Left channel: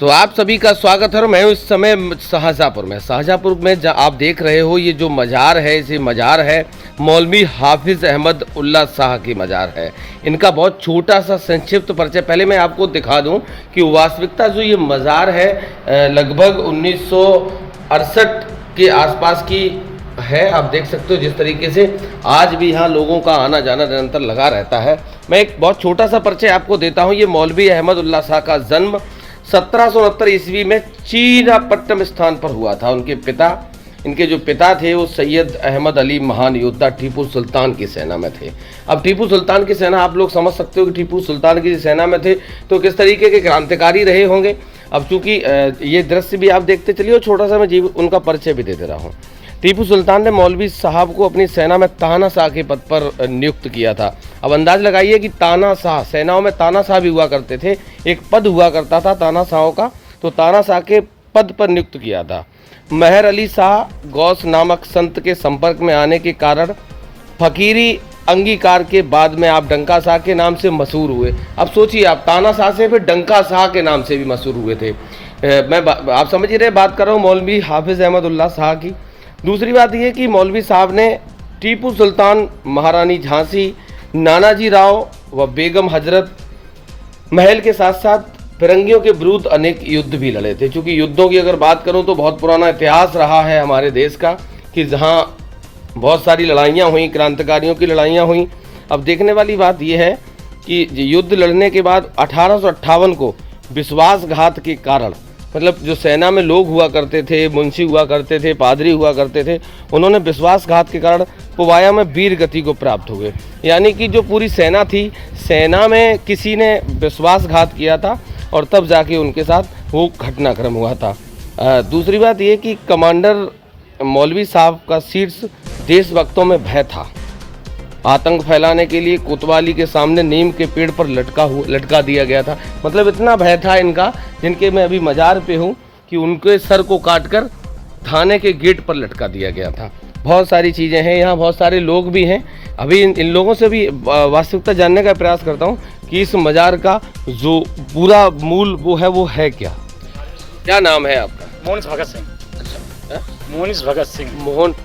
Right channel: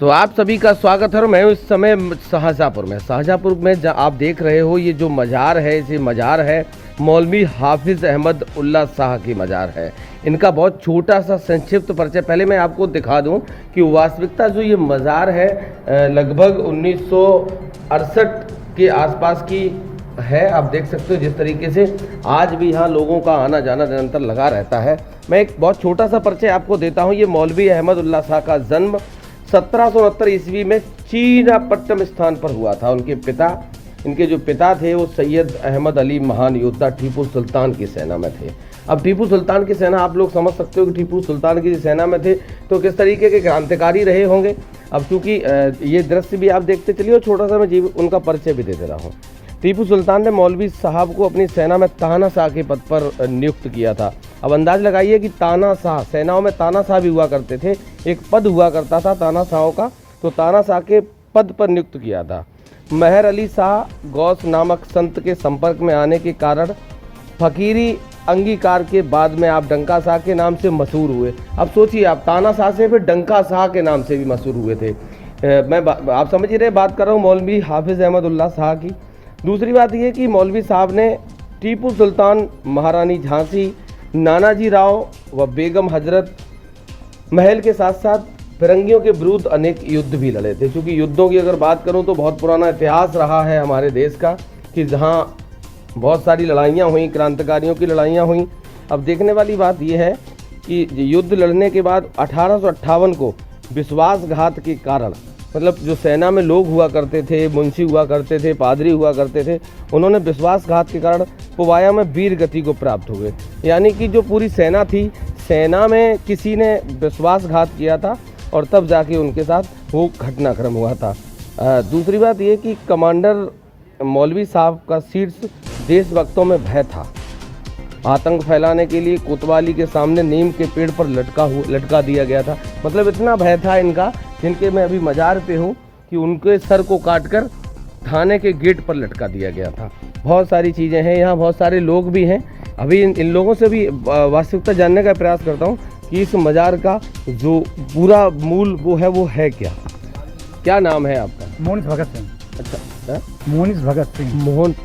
तो आप सभी का स्वागत है। मैं इस समय शाहजहाँपुर में आप देख रहे हो ये जो मज़ार है, इसे मज़ार है मौलवी हाफिज़ अहमद उल्ला शाह की मज़ार है। इनका बहुत छोटा सा संक्षिप्त परिचय पहले मैं आपको दिखा दूं कि वास्तविकता जो ये मज़ार है लगभग 1968 के आसपास की है। आप देख सकते हो जिस तरीके से आज भी यहाँ लोगों का आना जाना निरंतर लगा रहता है। मैं एक बहुत छोटा सा परिचय आपको देता हूँ। ये मौलवी अहमद उल्ला शाह का जन्म 1769 ईस्वी में चीनापट्टनम स्थान पर हुआ था। इनके जो पिता थे वो सैयद अहमद अली महान योद्धा टीपू सुल्तान की सेना में थे। अब टीपू सुल्तान की सेना, आप लोग समझ सकते हो कि टीपू सुल्तान की सेना में थे तो किस तरीके के क्रांतिकारी रहे होंगे। अब चूंकि ये दृश्य भी आप देखते चलिए, छोटा सा मैं उनका परिचय भी देते रहा हूँ। टीपू सुल्तान ने मौलवी साहब को अपनी सेना में तानाशाह के पद पर नियुक्त किया था। अब अंदाज लगाइए कि तानाशाह, सेनाओं में तानाशाह भी हुआ करते थे, एक पद हुआ करता था तानाशाहों का, तो तानाशाह के पद पर नियुक्त किया था। मेहर अली शाह गौस नामक संत के संपर्क में आने के कारण फकीरी अंगीकार के बाद में आप डंका शाह के नाम से मशहूर हुए। अब सोचिए, आप तानाशाह से फिर डंका शाह के नाम से भी मशहूर हुए थे। आप समझ ही रहे, बात कर रहा हूँ मौलवी हाफिज़ अहमद उल्ला शाह की। दूसरी बात यह कि मौलवी साहब ने टीपू सुल्तान, महारानी झांसी, नानाजी राव व बेगम हजरत महल के साथ साथ फिरंगियों के विरुद्ध अनेक युद्ध भी लड़े थे। चूँकि युद्धों की अगर बात करूं तो बहुत पुराना इतिहास रहा है हमारे देश का कि जहां बहुत सारी लड़ाइयाँ हुई, क्रांतिकारियों की लड़ाइयाँ हुई। अब देखने वाली बात यह है कि युद्ध लड़ने के बाद 1858 को विश्वासघात के कारण, मतलब जो सेना में लोग हुआ करते थे, मुंशी हुआ करते थे, पादरी हुआ करते थे, उन्होंने विश्वासघात के कारण पुवाया में वीर गति को प्राप्त हुए। यानी कि जो पूरी सेना थी, सेना में किसी ने विश्वासघात किया था और तब जाके उनके साथ वो घटनाक्रम हुआ था। दूसरी बात ये कि कमांडर मौलवी साहब का शीर्ष देशभक्तों में भय था। आतंक फैलाने के लिए कोतवाली के सामने नीम के पेड़ पर लटका दिया गया था। मतलब इतना भय था इनका, जिनके मैं अभी मज़ार पे हूँ, कि उनके सर को काटकर थाने के गेट पर लटका दिया गया था। बहुत सारी चीज़ें हैं, यहाँ बहुत सारे लोग भी हैं। अभी इन लोगों से भी वास्तविकता जानने का प्रयास करता हूँ कि इस मज़ार का जो पूरा मूल वो है क्या नाम है आपका? मोहन भगत सिंह। अच्छा, मोहनिस भगत सिंह।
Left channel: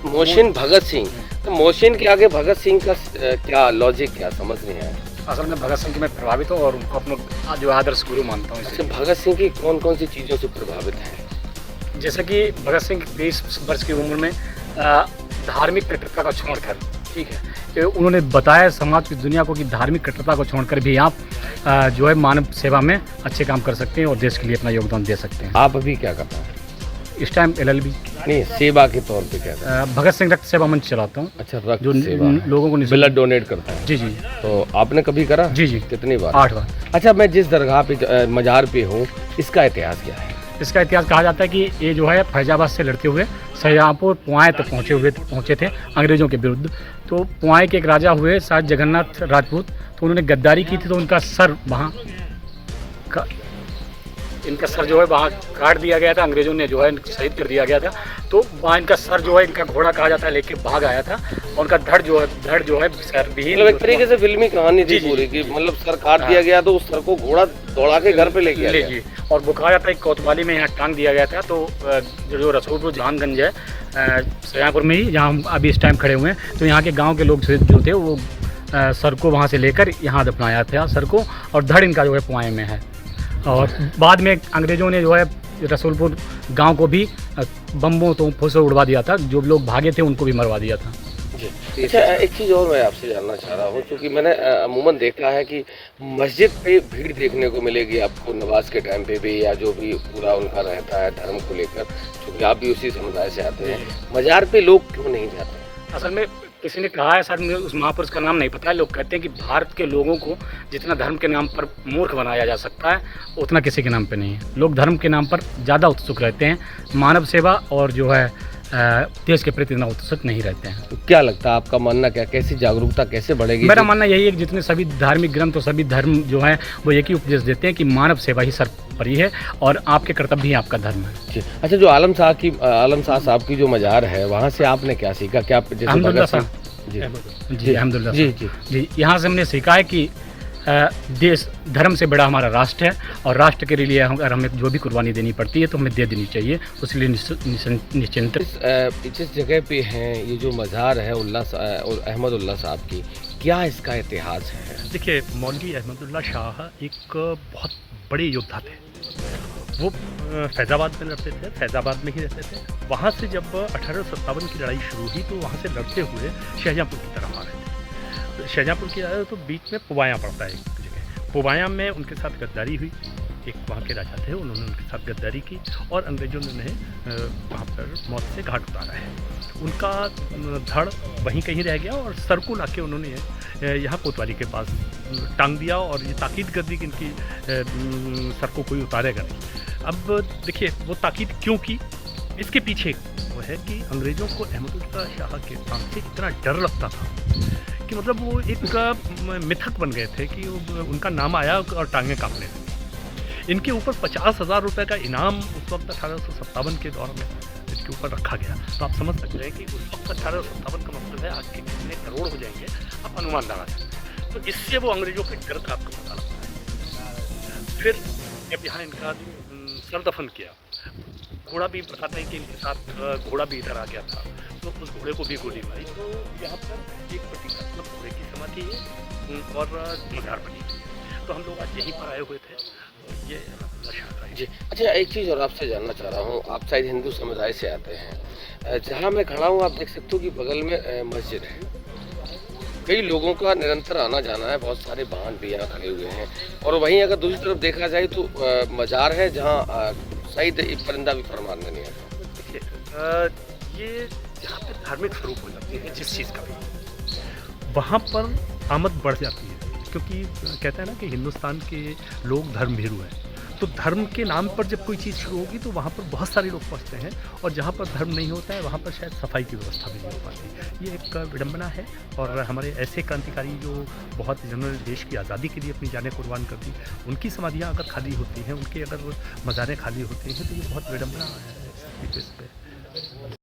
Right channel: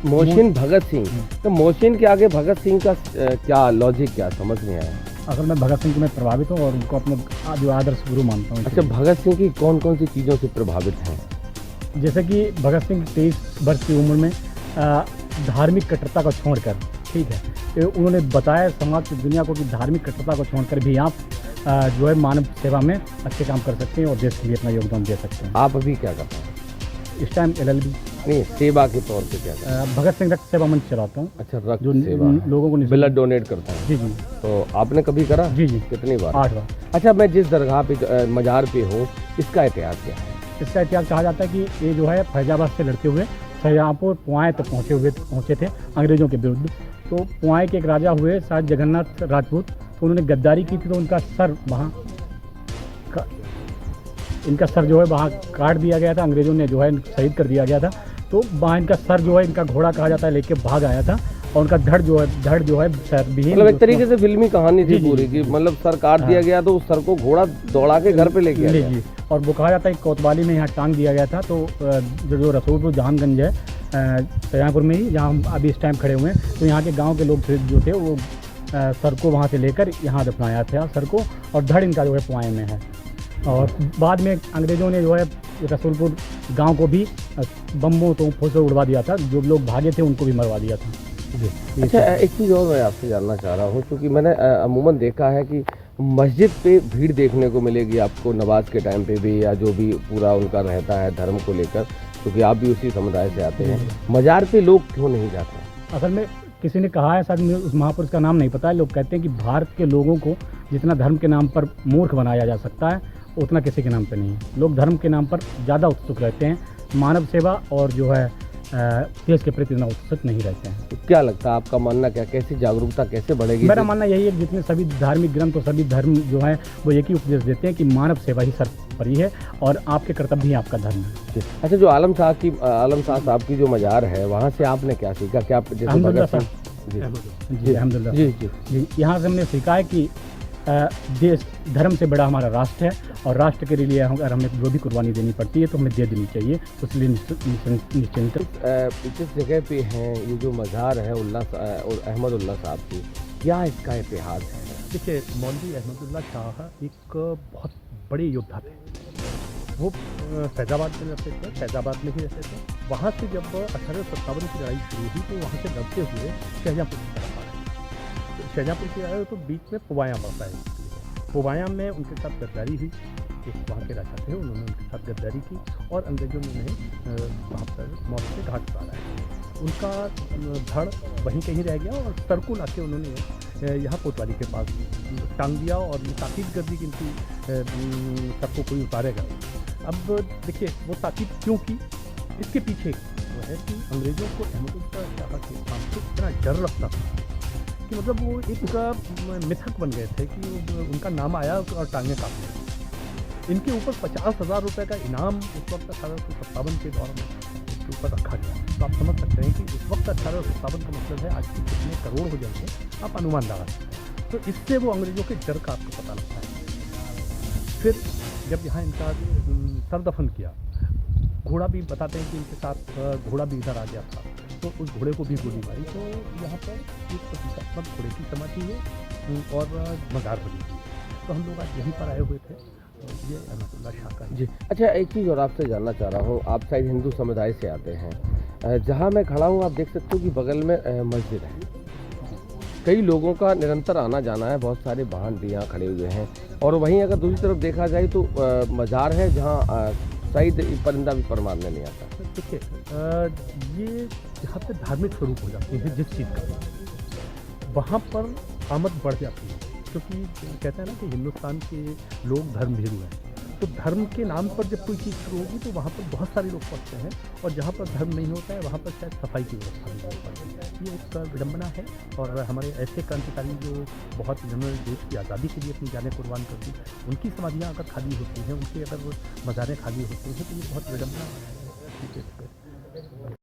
मोहसिन भगत सिंह। तो मोहसिन के आगे भगत सिंह का क्या लॉजिक, क्या समझ नहीं आया? असल में भगत सिंह की मैं प्रभावित हूँ और उनको अपना जो आदर्श गुरु मानता हूँ। अच्छा, भगत सिंह की कौन कौन सी चीज़ों से प्रभावित हैं? जैसे कि भगत सिंह 23 वर्ष की उम्र में धार्मिक कट्टरता को छोड़कर, ठीक है, उन्होंने बताया समाज की दुनिया को कि धार्मिक कट्टरता को छोड़कर भी आप जो है मानव सेवा में अच्छे काम कर सकते हैं और देश के लिए अपना योगदान दे सकते हैं। आप अभी क्या करते हैं इस टाइम? LLB नहीं, सेवा के तौर पे क्या करते हैं? भगत सिंह रक्त सेवा मंच चलाता हूँ। अच्छा, रक्त जो सेवा लोगों को ब्लड डोनेट करता है। जी जी। तो आपने कभी करा? जी जी। कितनी बार? 8 बार। अच्छा, मैं जिस दरगाह पे मज़ार पे हूँ, इसका इतिहास क्या है? इसका इतिहास कहा जाता है कि ये जो है फैजाबाद से लड़ते हुए शाहजहाँपुर पुआएँ तक पहुँचे थे अंग्रेज़ों के विरुद्ध। तो पुआएँ के एक राजा हुए शायद जगन्नाथ राजपूत, तो उन्होंने गद्दारी की थी, तो उनका सर वहाँ इनका सर जो है वहाँ काट दिया गया था, अंग्रेज़ों ने जो है शहीद कर दिया गया था। तो वहाँ इनका सर जो है, इनका घोड़ा कहा जाता है, लेके भाग आया था और उनका धड़ जो है सर भी, मतलब एक तरीके से फिल्मी कहानी थी पूरी की, मतलब सर काट दिया गया तो उस सर को घोड़ा दौड़ा के घर पे ले गया। जी। और वो कहा जाता है कोतवाली में यहाँ टांग दिया गया था। तो जो रसूलपुर जहानगंज है शाहजहाँपुर में ही, जहाँ हम अभी इस टाइम खड़े हुए हैं, तो यहाँ के गाँव के लोग जो थे वो सर को वहाँ से लेकर यहाँ दफनाया था सर को, और धड़ इनका जो है पुआएँ में है। और बाद में अंग्रेज़ों ने जो है रसूलपुर गांव को भी बम्बों तो से उड़वा दिया था, जो लोग भागे थे उनको भी मरवा दिया था। जी। अच्छा, एक चीज़ और मैं आपसे जानना चाह रहा हूँ, क्योंकि मैंने अमूमन देखा है कि मस्जिद पे भीड़ देखने को मिलेगी आपको नमाज के टाइम पे भी, या जो भी पूरा उनका रहता है धर्म को लेकर, क्योंकि आप भी उसी समुदाय से आते हैं। मज़ार पे लोग क्यों नहीं जाते? असल में किसी ने कहा है, सर मुझे उस महापुरुष का नाम नहीं पता है, लोग कहते हैं कि भारत के लोगों को जितना धर्म के नाम पर मूर्ख बनाया जा सकता है उतना किसी के नाम पे नहीं है। लोग धर्म के नाम पर ज़्यादा उत्सुक रहते हैं, मानव सेवा और जो है देश के प्रति इतना उत्सुक नहीं रहते हैं। तो क्या लगता है, आपका मानना क्या, कैसी जागरूकता कैसे बढ़ेगी? मेरा मानना यही है कि जितने सभी धार्मिक ग्रंथ और सभी धर्म जो है वो एक ही उपदेश देते हैं कि मानव सेवा ही सर्वोपरि है और आपके कर्तव्य ही आपका धर्म है। अच्छा, जो आलम शाह साहब की जो मज़ार है, वहाँ से आपने क्या सीखा? क्या अल्हम्दुलिल्लाह जी, अल्हम्दुलिल्लाह जी, यहाँ से हमने सीखा है कि देश धर्म से बड़ा हमारा राष्ट्र है और राष्ट्र के लिए अगर हमें जो भी कुर्बानी देनी पड़ती है तो हमें दे देनी चाहिए, उसके लिए निश्चिंत। जिस जगह पे हैं ये जो मज़ार है अहमद उल्ला साहब की, क्या इसका इतिहास है? देखिए, मौलवी अहमदुल्ला शाह एक बहुत बड़े योद्धा थे। वो फैज़ाबाद में रहते थे, फैज़ाबाद में ही रहते थे। वहाँ से जब 1857 की लड़ाई शुरू हुई तो वहाँ से लड़ते हुए शाहजहाँपुर की तरफ आ रहे थे। तो शाहजहाँपुर की आए तो बीच में पुवाया पड़ता है एक जगह। पुवाया में उनके साथ गद्दारी हुई, एक वहाँ के राजा थे, उन्होंने उनके साथ गद्दारी की और अंग्रेज़ों ने उन्हें वहाँ पर मौत से घाट उतारा है। उनका धड़ वहीं कहीं रह गया और सर को लाके उन्होंने यहाँ कोतवाली के पास टांग दिया और ये ताकीद कर दी कि इनकी सर को कोई उतारेगा नहीं। अब देखिए वो ताकीद क्यों की, इसके पीछे वो है कि अंग्रेज़ों को अहमदुल्ला शाह के नाम से इतना डर लगता था कि मतलब वो एक मिथक बन गए थे कि उनका नाम आया और टांगें कांपने लगी। इनके ऊपर 50,000 रुपये का इनाम उस वक्त 1857 के दौर में इसके ऊपर रखा गया। तो आप समझ सकते हैं कि उस वक्त 1857 का मतलब है आज के कितने करोड़ हो जाएंगे, आप अनुमान लगा सकते हैं। तो इससे वो अंग्रेज़ों के डर का आपको पता लगता है। फिर जब यहाँ इनका सर दफन किया, घोड़ा भी बताते हैं कि इनके साथ घोड़ा भी इधर आ गया था, तो उस घोड़े को भी गोली मारी। तो यहाँ पर एक प्रतीकात्मक घोड़े की समाधि है और मज़ार बनी हुई है। तो हम लोग आज यहीं पर आए हुए थे। ये अहमदुल्ला शाह का है। जी, अच्छा एक चीज़ और आपसे जानना चाह रहा हूँ, आप शायद हिंदू समुदाय से आते हैं। जहाँ मैं खड़ा हूँ आप देख सकते हो कि बगल में मस्जिद है। कई लोगों का निरंतर आना जाना है, बहुत सारे वाहन भी यहाँ खड़े हुए हैं और वहीं अगर दूसरी तरफ देखा जाए तो मज़ार है जहाँ शायद परिंदा भी फर मारने नहीं आता। देखिए, ये जहाँ पे धार्मिक स्वरूप हो जाती है जिस चीज़ का भी, वहाँ पर आमद बढ़ जाती है, क्योंकि कहते हैं ना कि हिंदुस्तान के लोग धर्म भीरू हैं। तो धर्म के नाम पर जब कोई चीज़ शुरू होगी तो वहाँ पर बहुत सारे लोग पहुँचते हैं और जहाँ पर धर्म नहीं होता है वहाँ पर शायद सफाई की व्यवस्था भी नहीं हो पाती। ये एक विडंबना है और हमारे ऐसे क्रांतिकारी जो बहुत जिन्होंने देश की आज़ादी के लिए अपनी जानें कुर्बान कर दी, उनकी समाधियाँ अगर खाली होती हैं, उनके अगर मज़ारें खाली होती हैं तो ये बहुत विडंबना है इस पे।